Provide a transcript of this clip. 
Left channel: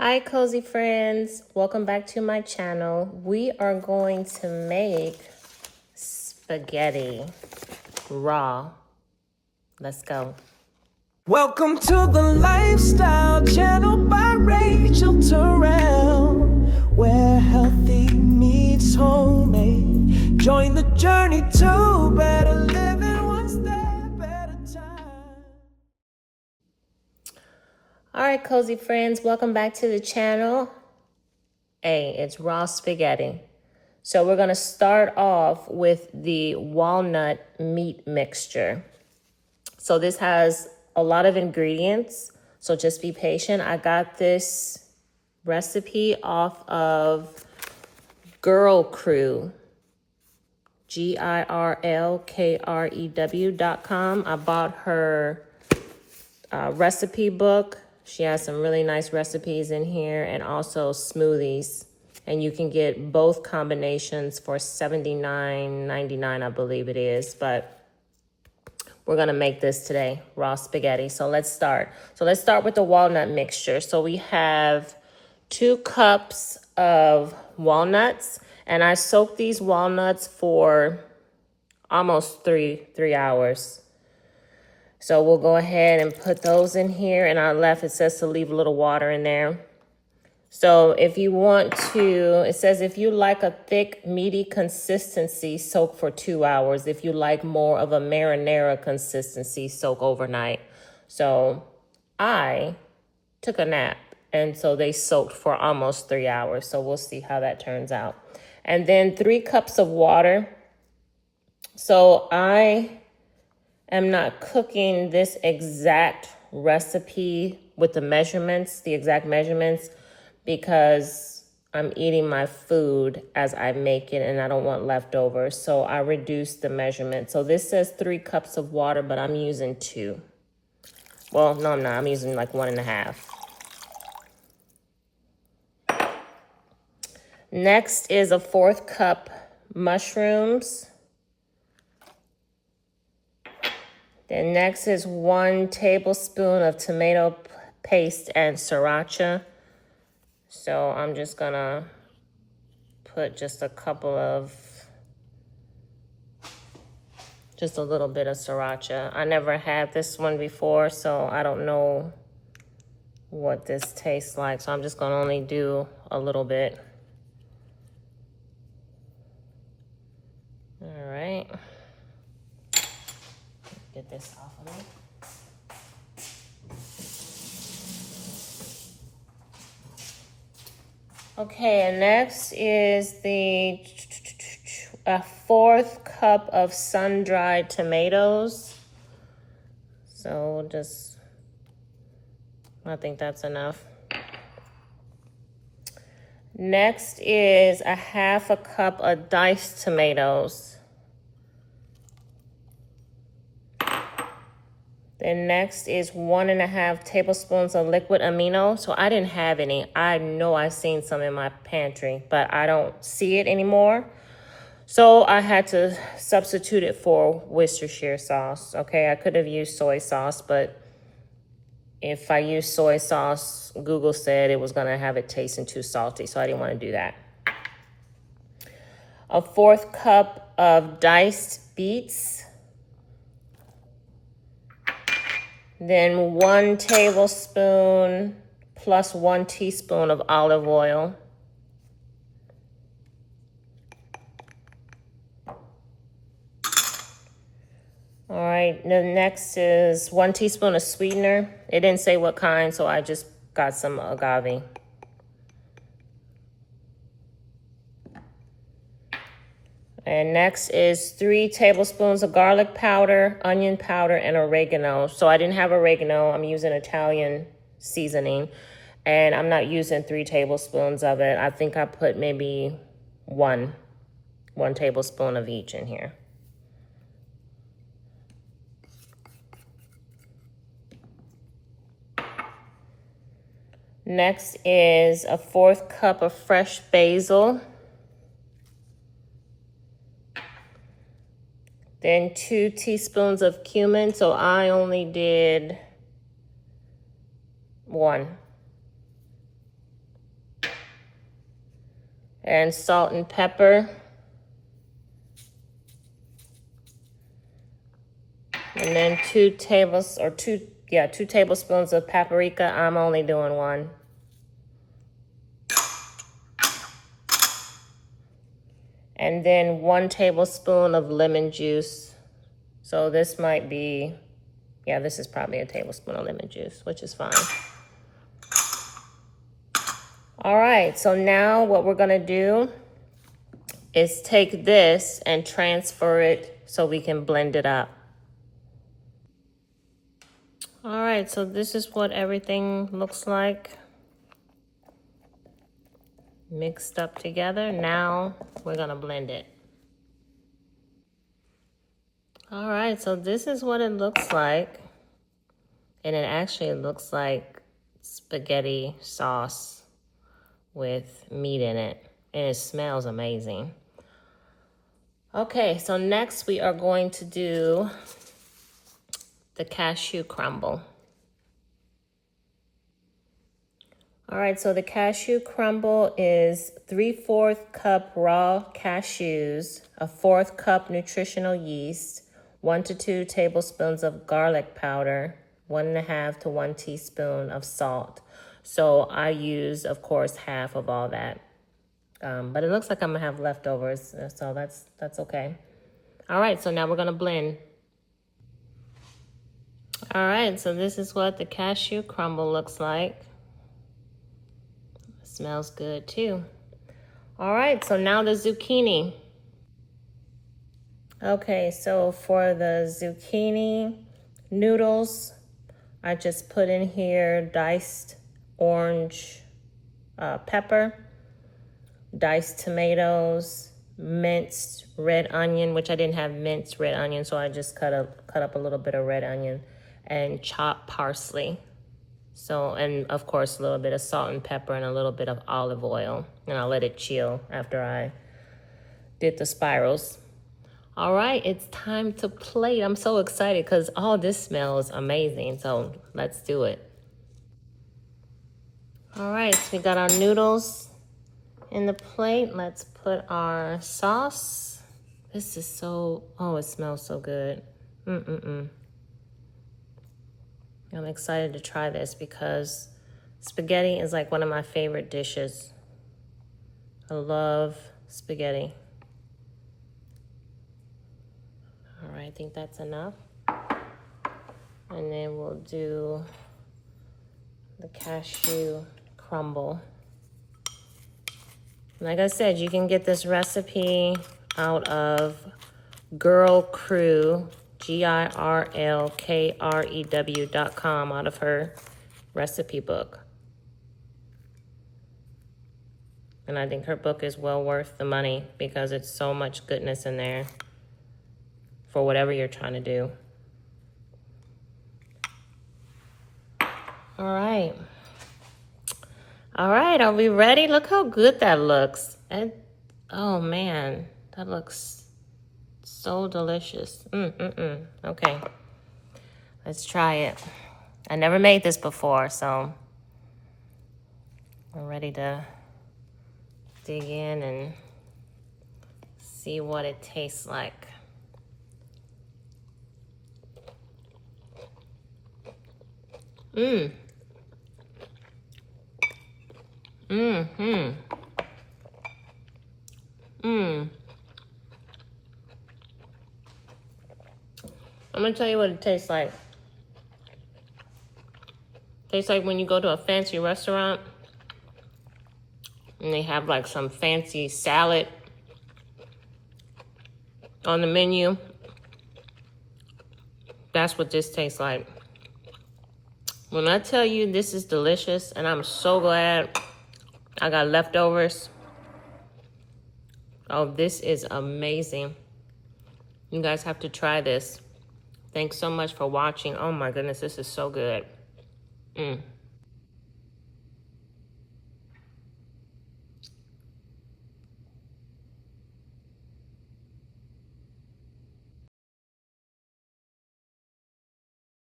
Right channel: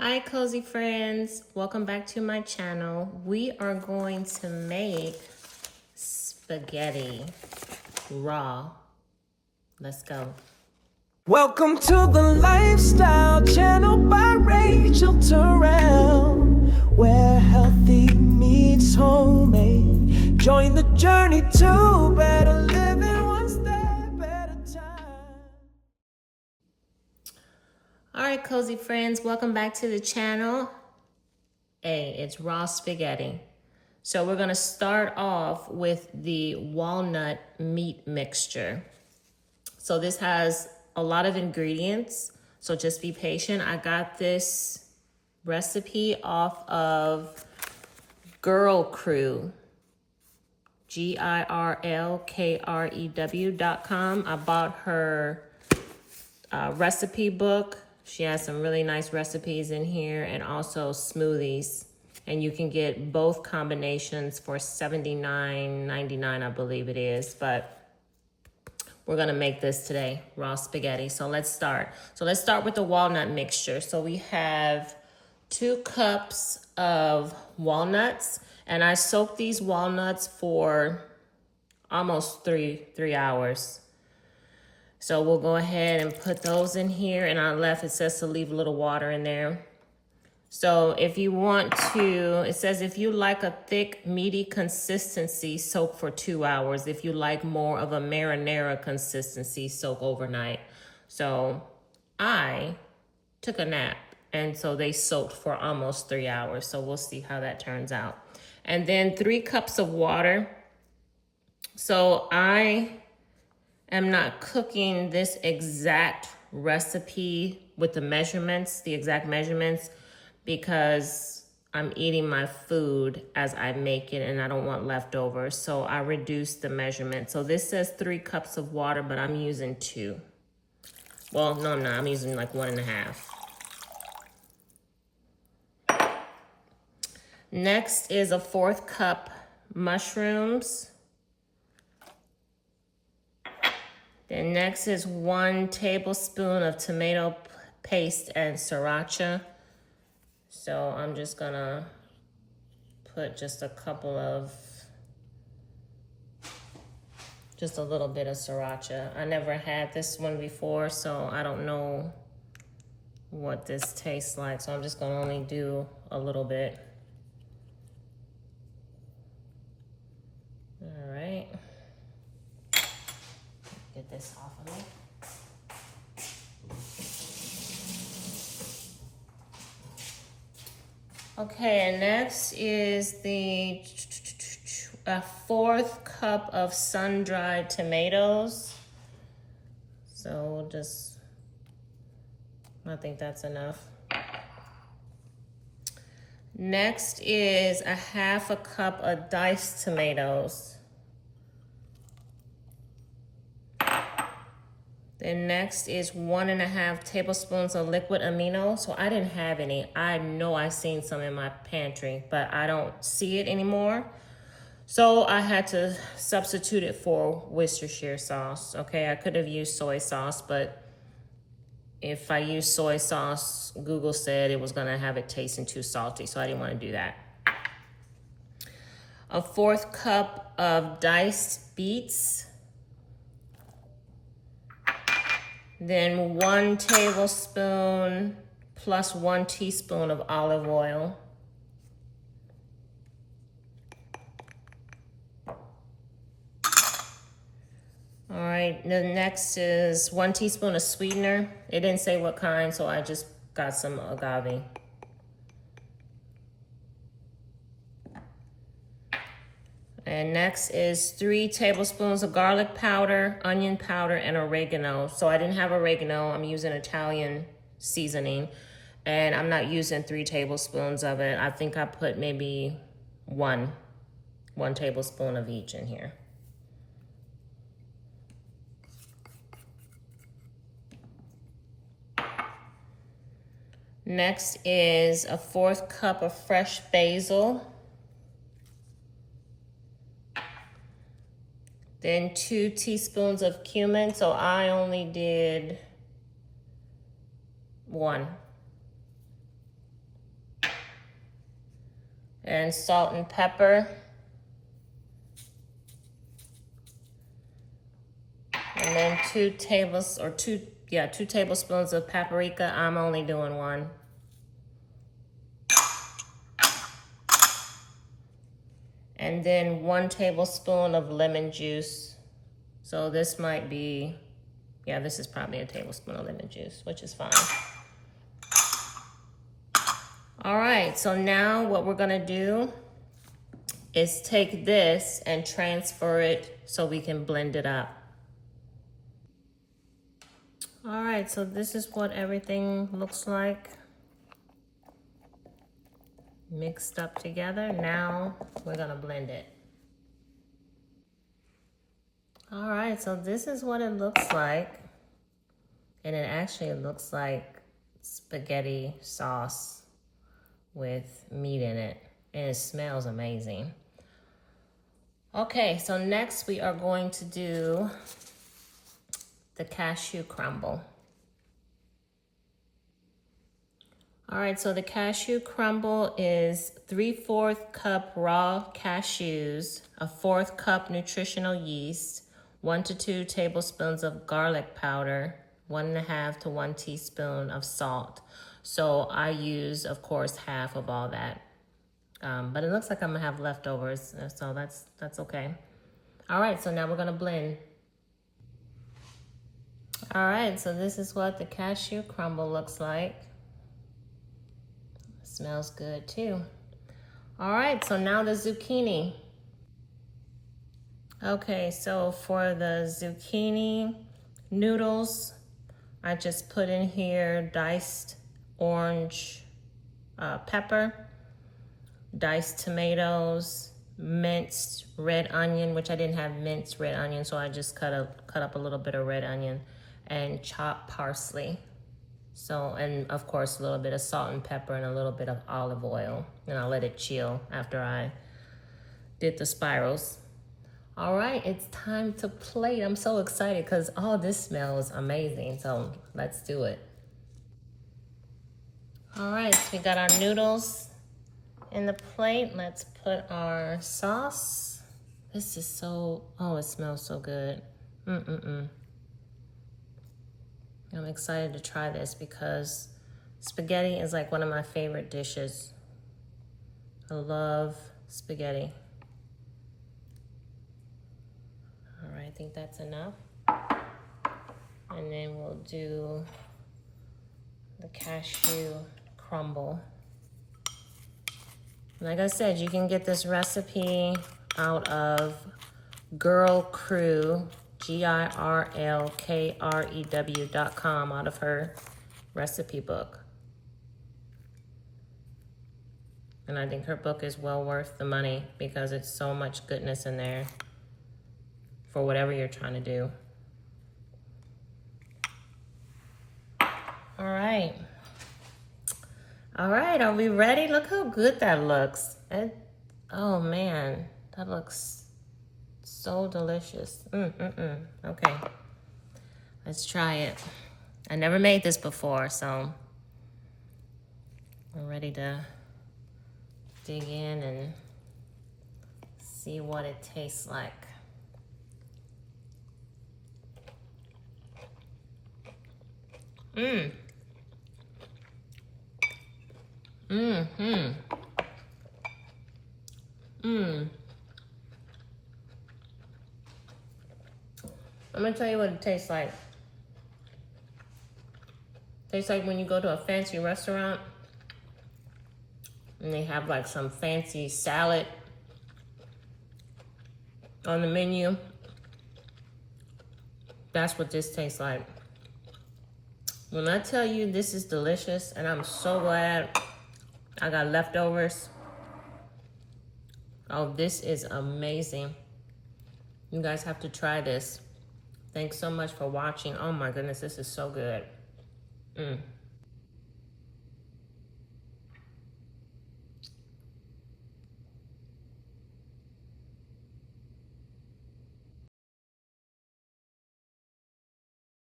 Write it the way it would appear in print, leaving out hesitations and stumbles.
Hi, cozy friends. Welcome back to my channel. We are going to make spaghetti raw. Let's go. Welcome to the Lifestyle Channel by Rachel Terrell, where healthy meets homemade. Join the journey to better living one step at a time. All right, cozy friends, welcome back to the channel. Hey, it's raw spaghetti. So we're gonna start off with the walnut meat mixture. So this has a lot of ingredients, so just be patient. I got this recipe off of Girl Crew, GIRLKREW.com. I bought her recipe book. She has some really nice recipes in here and also smoothies. And you can get both combinations for $79.99, I believe it is. But we're gonna make this today, raw spaghetti. So let's start. So let's start with the walnut mixture. So we have 2 cups of walnuts, and I soaked these walnuts for almost three hours. So we'll go ahead and put those in here. And on our left, it says to leave a little water in there. So if you want to, it says if you like a thick, meaty consistency, soak for 2 hours. If you like more of a marinara consistency, soak overnight. So I took a nap, and so they soaked for almost 3 hours. So we'll see how that turns out. And then 3 cups of water. So I am not cooking this exact recipe with the measurements, the exact measurements, because I'm eating my food as I make it and I don't want leftovers. So I reduced the measurement. So this says 3 cups of water, but I'm using 2. Well, no, I'm not. I'm using like 1.5. Next is a 1/4 cup mushrooms. Then next is 1 tablespoon of tomato paste and sriracha. So I'm just gonna put just a little bit of sriracha. I never had this one before, so I don't know what this tastes like. So I'm just gonna only do a little bit. All right. Get this off of me. Okay, and next is a 1/4 cup of sun-dried tomatoes. So I think that's enough. Next is a 1/2 cup of diced tomatoes. Then next is 1.5 tablespoons of liquid amino. So I didn't have any. I know I've seen some in my pantry, but I don't see it anymore. So I had to substitute it for Worcestershire sauce. Okay, I could have used soy sauce, but if I use soy sauce, Google said it was gonna have it tasting too salty, so I didn't wanna do that. A 1/4 cup of diced beets. Then 1 tablespoon plus 1 teaspoon of olive oil. All right, the next is 1 teaspoon of sweetener. It didn't say what kind, so I just got some agave. And next is 3 tablespoons of garlic powder, onion powder, and oregano. So I didn't have oregano. I'm using Italian seasoning. And I'm not using 3 tablespoons of it. I think I put maybe one tablespoon of each in here. Next is a 1/4 cup of fresh basil. Then 2 teaspoons of cumin, so I only did 1. and salt and pepper. And then 2 tablespoons of paprika. I'm only doing 1. And then 1 tablespoon of lemon juice. So this might be, yeah, this is probably a tablespoon of lemon juice, which is fine. All right, so now what we're gonna do is take this and transfer it so we can blend it up. All right, so this is what everything looks like. Mixed up together. Now we're gonna blend it. All right, so this is what it looks like. And it actually looks like spaghetti sauce with meat in it. And it smells amazing. Okay, so next we are going to do the cashew crumble. All right, so the cashew crumble is 3/4 cup raw cashews, a 1/4 cup nutritional yeast, 1 to 2 tablespoons of garlic powder, 1.5 to 1 teaspoon of salt. So I use, of course, half of all that. But it looks like I'm gonna have leftovers, so that's okay. All right, so now we're gonna blend. All right, so this is what the cashew crumble looks like. Smells good too. All right, so now the zucchini. Okay, so for the zucchini noodles, I just put in here diced orange pepper, diced tomatoes, minced red onion, which I didn't have minced red onion, so I just cut up a little bit of red onion, and chopped parsley. So, and of course, a little bit of salt and pepper and a little bit of olive oil. And I'll let it chill after I did the spirals. All right, it's time to plate. I'm so excited because all this smells amazing. So let's do it. All right, so we got our noodles in the plate. Let's put our sauce. This is so, oh, it smells so good. I'm excited to try this because spaghetti is like one of my favorite dishes. I love spaghetti. All right, I think that's enough. And then we'll do the cashew crumble. Like I said, you can get this recipe out of Girl Crew, GIRLKREW.com, out of her recipe book. And I think her book is well worth the money because it's so much goodness in there for whatever you're trying to do. All right. All right, are we ready? Look how good that looks. And, oh man, that looks so delicious. Okay, let's try it. I never made this before, so I'm ready to dig in and see what it tastes like. I'm gonna tell you what it tastes like. It tastes like when you go to a fancy restaurant and they have like some fancy salad on the menu. That's what this tastes like. When I tell you this is delicious, and I'm so glad I got leftovers. Oh, this is amazing. You guys have to try this. Thanks so much for watching. Oh my goodness, this is so good.